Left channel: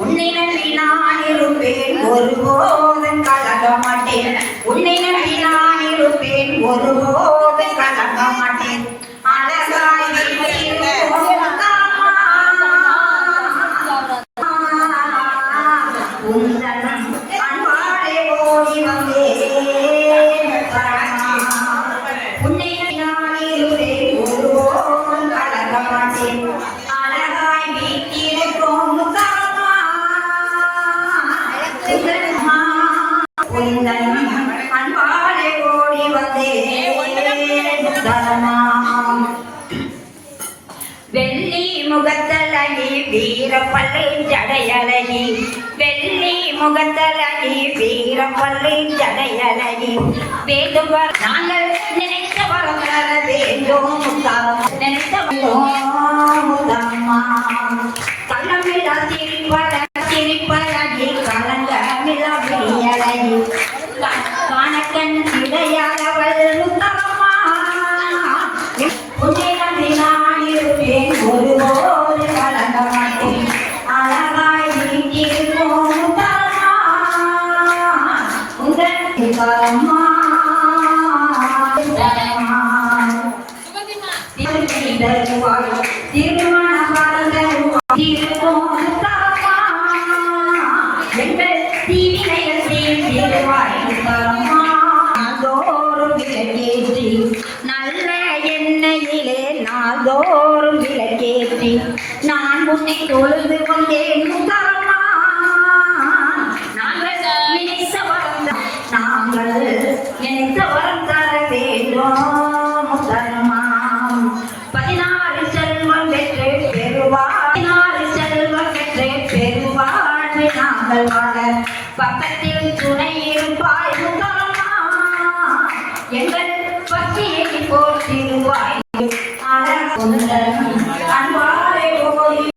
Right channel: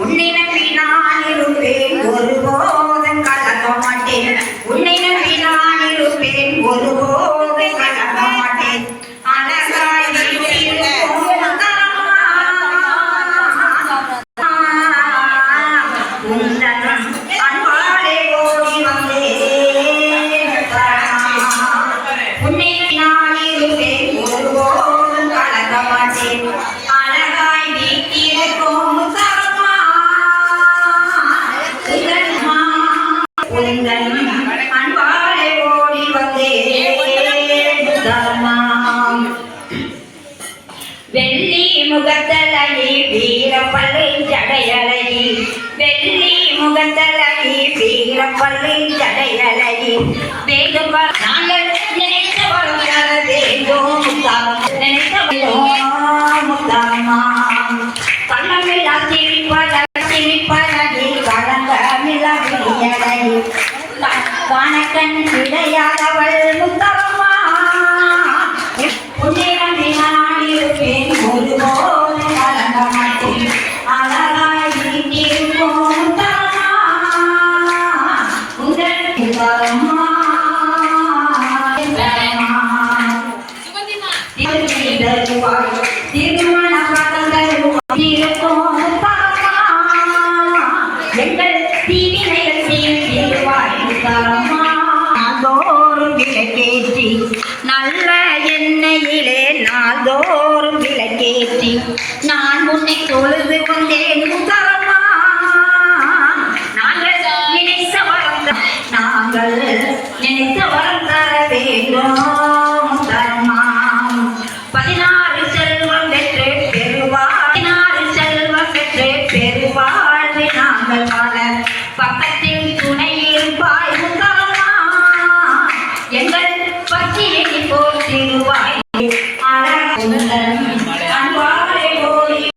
உன்னை நம்பி நான் இருப்பேன் ஒருபோதும் கலங்க மாட்டேன். உன்னை நம்பி நான் இருப்பேன் ஒருபோதும் கலங்க மாட்டேன். அழகாய் அன்பாலே ஓடி வந்தேன். உன்னை நான் இருப்பேன் ஒருபோதும் கலங்க மாட்டேன். அழகாய் வீட்டிருக்கும் அன்பாலே ஓடி வந்தேன். வெள்ளி முகத்தலகி வீரப்பள்ளி ஜடையழகி. வெள்ளி முகத்தலகி வீரப்பள்ளி ஜடையழகி. வேண்டும் நாங்கள் நினைத்த வரம் தர வேண்டும். நினைத்தம்மா கள்ளமில்லா சிரிப்பழகி கலங்கமில்லா விழியழகி. காணக்கண் கிடையாதவள் முத்தம்மா. உன்னிடம் நான் இருப்பேன் ஒருபோது கலங்க மாட்டேன். அழகாய் வீட்டிருக்கும் முத்தம்மா. முத்தம்மா எங்கள் தீவினைகள் தீர்வாய் நாள்தோறும் விளக்கேற்றி நல்ல எண்ணெயிலே நாள்தோறும் விளக்கேற்றி நான் உன்னை தொழுது கொண்டேன் முத்தம்மா. நாங்கள் நினைத்த வரம் தர வேண்டும் முத்தம்மா. 16 செல்வம் பெற்று பெறுவாள். 16 செல்வம் பெற்று பெறுவாள். நாங்கள் வாழ பக்கத்தில் துணை இருப்பாய் முத்தம்மா. எங்கள் பற்றியை போற்றிடுவாய். அழகுந்த